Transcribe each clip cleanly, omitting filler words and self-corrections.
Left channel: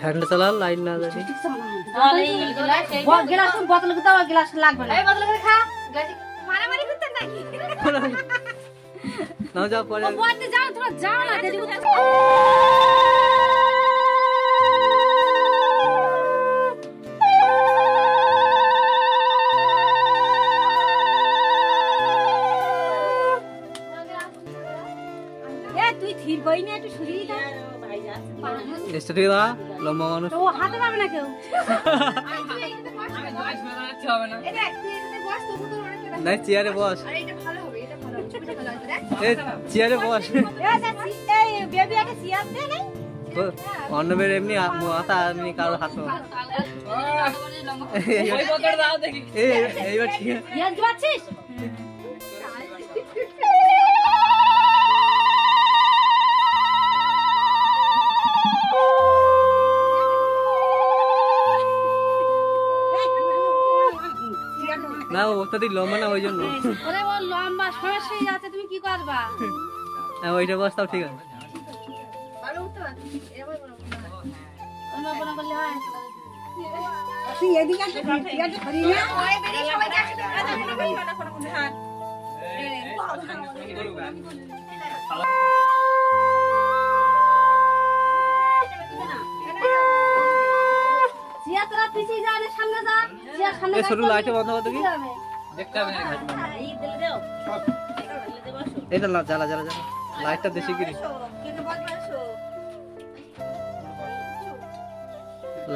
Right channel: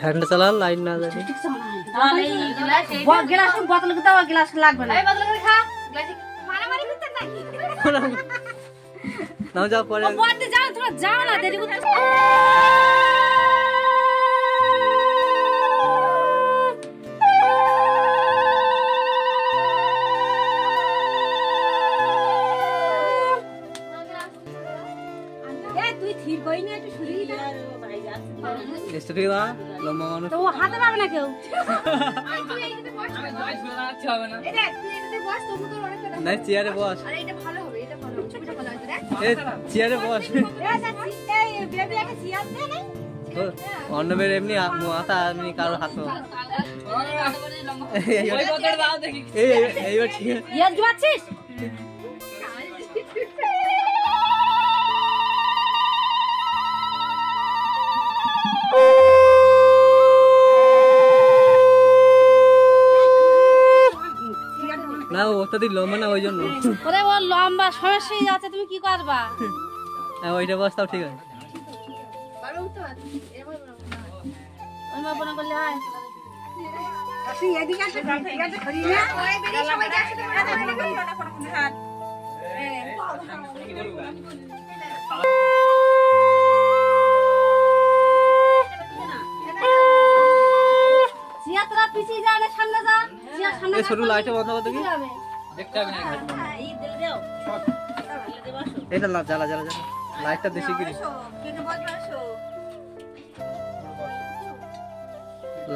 fan चला line ना जाए गिलास बोतल के दवा गिलास लागबे ना ए बोतल के खा मारा मारी करते नहीं ना जा पड़े बोलते जा थोड़ा जा ना दे ए तू थीर गई ना तू छुरी दे स्टडी दा लम्बा मानुष तो हाथे पाবে না কেউ নাই চেয়ারে বস আরে এটা ভালো হবে এটা ভালো ছবিটা ভালো আসবে রে চেয়ারে বস এই বেবি একটা চেয়ার দে নে অন্য বের এমনি মাথা এমনি কারো হাত এই বদল দাও দেখি এইবার ঠিক আছে ইয়ার দিচ্ছিস না ওটাতে লম্বা না ওই জন্য ওরে ও লম্বা সমস্যা হয়ে যাচ্ছে তুমি কি করবা হ্যাঁ ওইটা বসতাও ঠিক আছে পারবে উঠতে এবার আমরা বনা করলে হয় আসি এদিকে আসে এদিকে ধরি না ওই বেরি সবাই দেখে হাত জিয়া তোরা পিছিয়ে যা না সামনে যা জিয়া সামনে এই ছোট লাইটে বন্ধ করে দেখি দেখতে হবে না ঘাট বন্ধ এই দিলে দাও এটা না জ্বালা জ্বালা জ্বালা লাইটটা বেশি করে কেটে বন্ধ করছো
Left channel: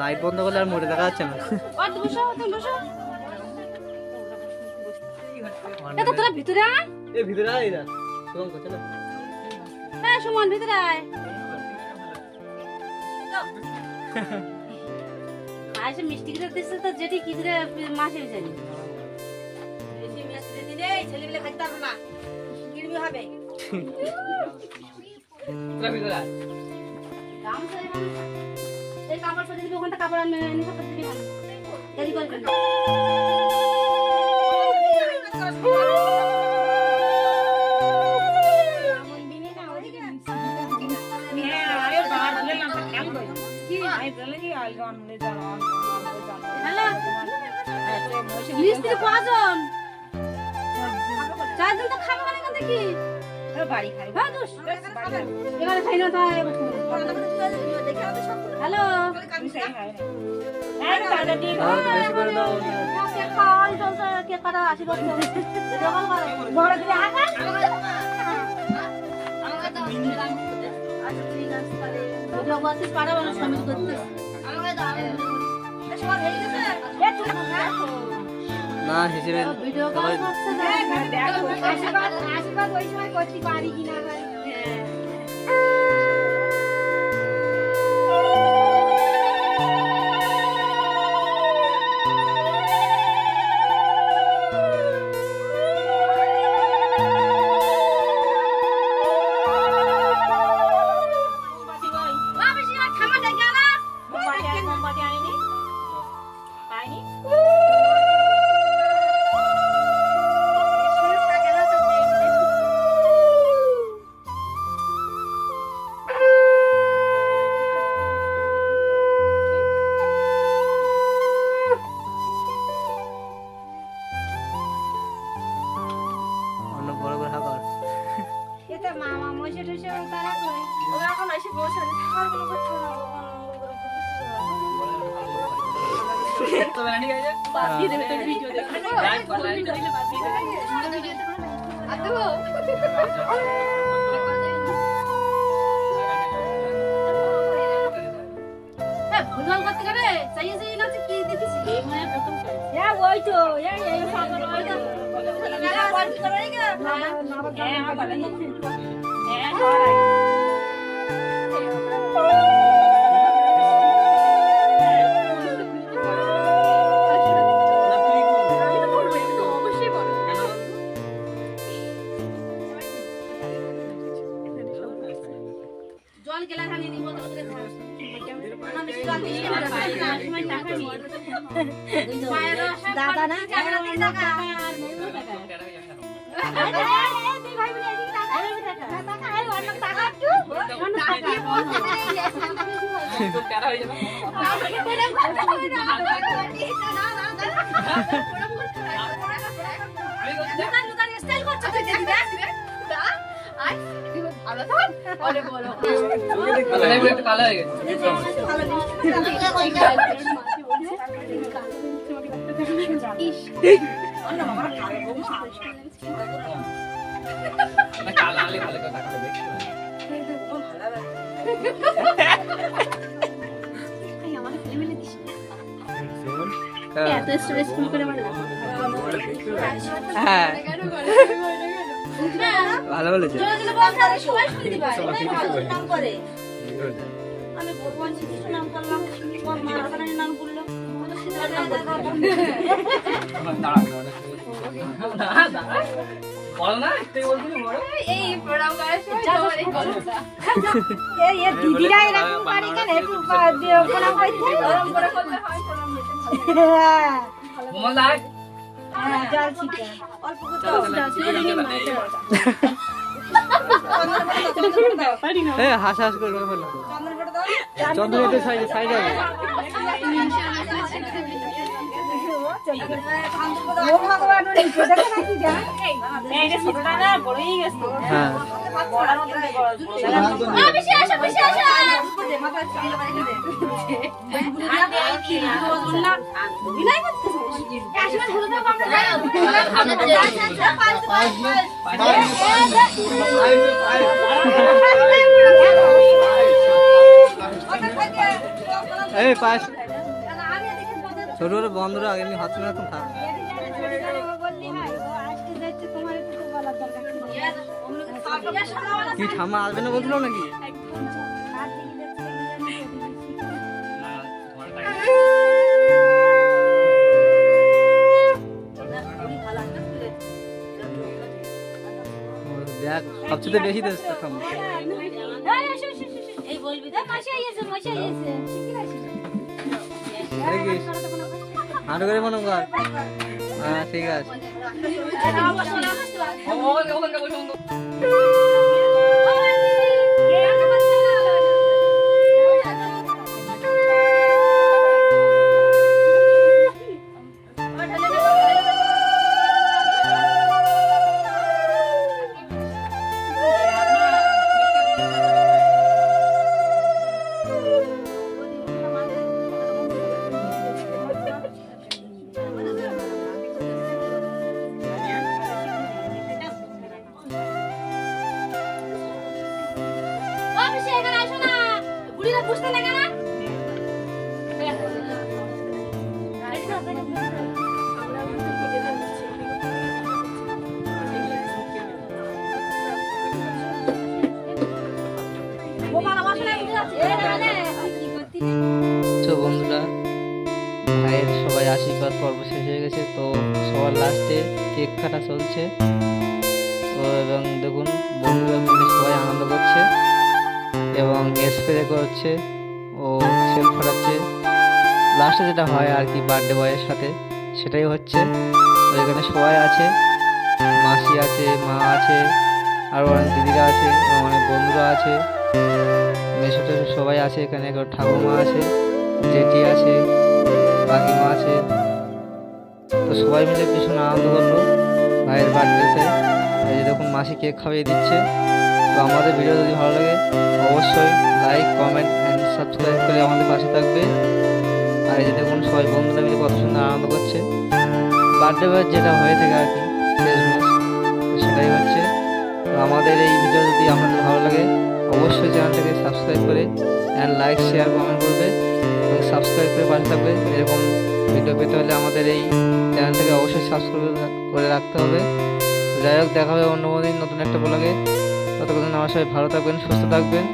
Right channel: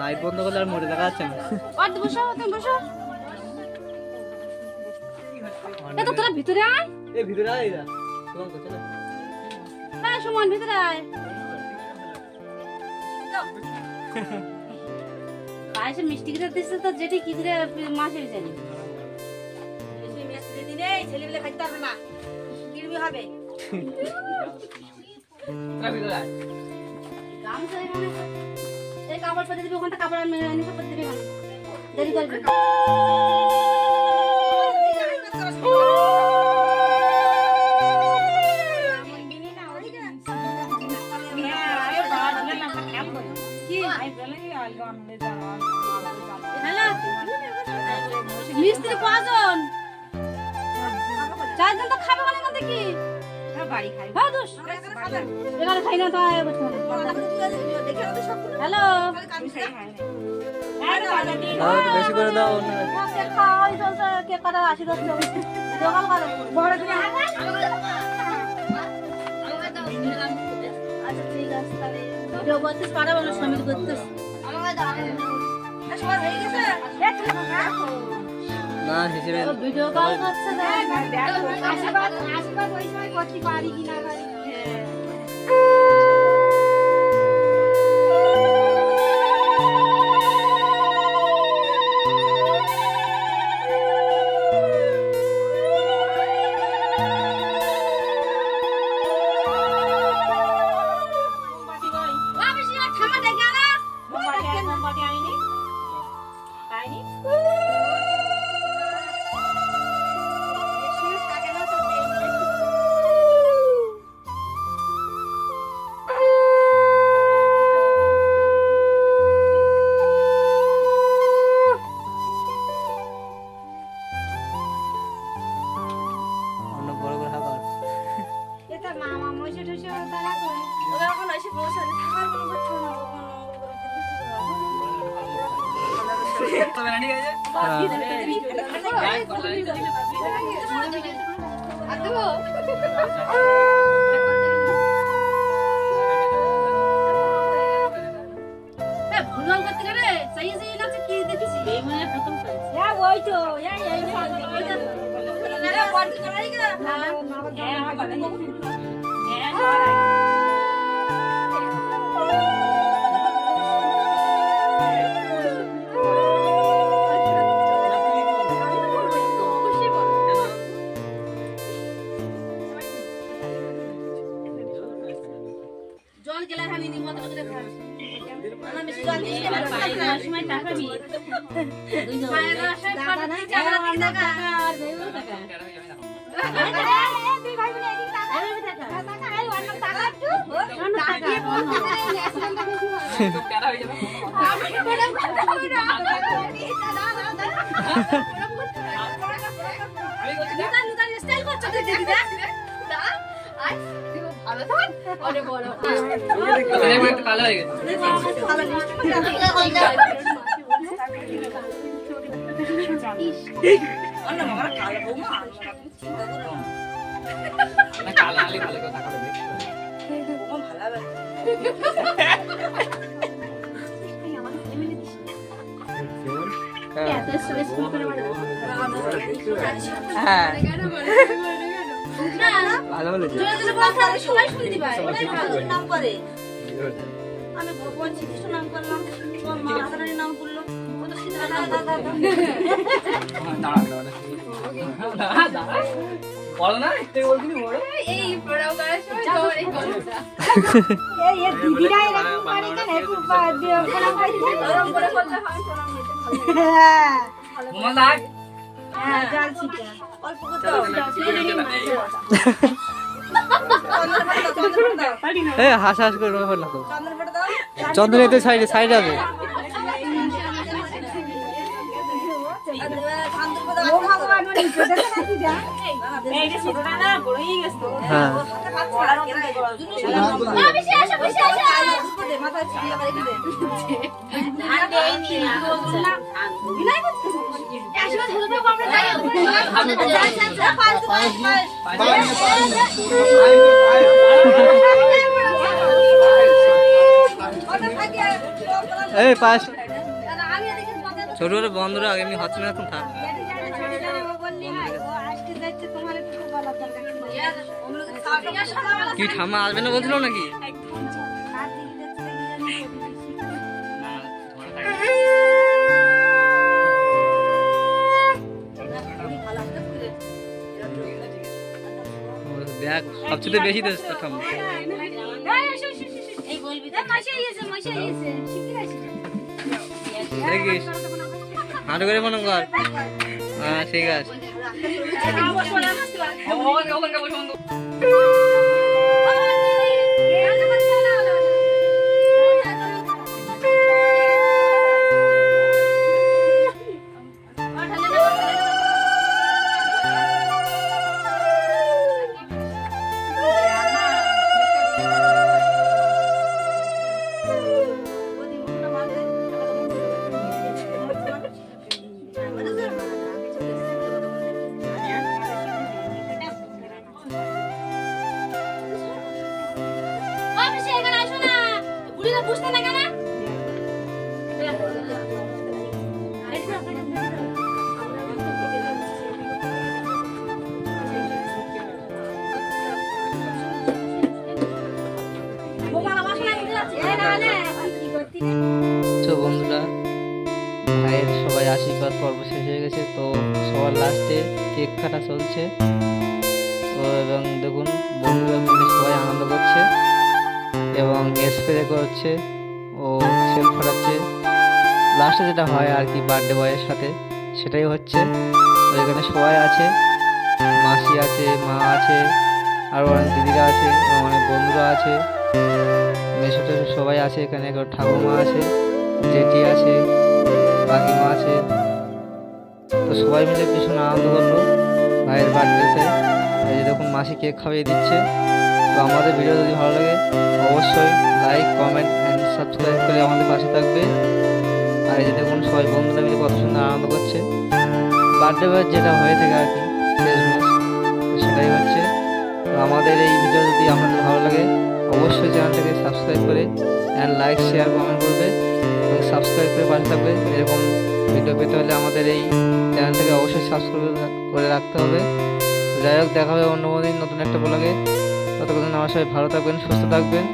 লাইট বন্ধ করলে আর মোড়ে দেখা যাচ্ছে না ওই বসো তুমি বসো এটা তোরা ভিতরে আয় এই ভিতরে আয় এরা চল চল হ্যাঁ সুমন ভিতরে আয় আইসে মিষ্টি করে দিছে তো যেটি কি করে মাছের জানি বেশি মিষ্টি দিলে ছেলে মিলে খাইতে পারবে না কিরবি হবে ট্রাফিক গলা গাম চলে মানে এই কাপড় পরে দিবি ওখানটা কাপড় নিতে পরে দিবি দেরি করবি মিস্ত্রি কজন চারজন তো খাবে মানে দেখি বাড়ি খাই বাদুস এখানে খাই না তো হ্যালো বেশি করে দাও কে কাটা আশীর্বাদ বড় দিয়ে আচ্ছা ঠিক আছে ভিডিও করতে পারে বলে সময় করতে না হিসেবে ভিডিও কল করছে আশীর্বাদ ওই সময় করতে পারি কিনা গেলে আমি নিব তো করে খাই আমি সুগার দিই না সময় টাকা নিয়ে মায়ের সব টাকা না টাকা দিই টাকা ভালো বলেছে সবাই শুনতে পায় নাম করে আমি বলছি কিছু নাম করলাম তোমার মা আপনার নাম বললো বলো না একটু বলছিস বড় এই প্রোগ্রাম করার সময় তোমার এই গল্পটা এই দিদিরা এরকম পারে কেন একটু দিও করে ভাই গরম করে করতে হয় হ্যাঁ মোমা লাগ হ্যাঁ জানছি তো অল্প করতে হ্যাঁ হাস হাস করে বলো চন্দনেতে সাইডে সাইডে হবে এই পাস ছোট ছোট বন্ধুরা এমনি হচ্ছে না এখন থাক কি ঠাম্মা আসবে না বলছিল নাকি দেখ সবচেয়ে বেশি দেশ ঠাম্মা দেখিস হাঁটু করে মনে কর হ্যাঁ ঠিক আছে বন্ধুরা ভাইয়ের সবাই আশীর্বাদ পর্ব শেষ হয়ে গেছে তো সবার লাস্টে কেক কাটা চলছে তো এবং দেখুন বন্ধুরা মিলে সবাই আনন্দ করছে এবং স্প্রে করছে ও সেল ফোটাচ্ছে লাস্টে যেটা হয় আর কি বার্থডে বয়ের সাথে সেটাই হচ্ছে তো এখানে সবাই আছে মাসি আছে মা আছে আরও অনেক দিদিরা আছে এবং অনেক বন্ধুরা আছে মেসো টেসো সবাই আছে এখানে ঠাকুমা আছে জেঠি আছে কাকিমা আছে তো সবাই মিলে ভীষণ আনন্দ করলো ভাইয়ের বার্থডেতে এই দেখুন মাসি কেক খাইয়ে দিচ্ছে তো আমাদের ভিডিও যদি ভালো লাগে অবশ্যই লাইক কমেন্ট অ্যান্ড সাবস্ক্রাইব করে আমাদের পাশে থাকবে আর এই যে দেখুন সবাই বন্ধুরা মিলে কত সুন্দর আনন্দ করছে বার্থডে বয় যেটা হয়ে থাকে আর কি শেষমেশ তো সেটাই হচ্ছে তো আমাদের এই ভিডিও যদি আপনাদের ভালো লাগে অবশ্যই চ্যানেলটাকে সাবস্ক্রাইব করে অ্যান্ড লাইক শেয়ার কমেন্ট করবে এবং সাবস্ক্রাইব করে পাশে থাকবে এরকম ভিডিও পেতে হলে আমাদের এই চ্যানেলটাকে অবশ্যই সাবস্ক্রাইব করে রাখতে হবে যাই হোক দেখা হবে অন্য দিন নতুন একটা ব্লগে ততক্ষণ আমার সবাই ভালো থাকবেন সুস্থ থাকবেন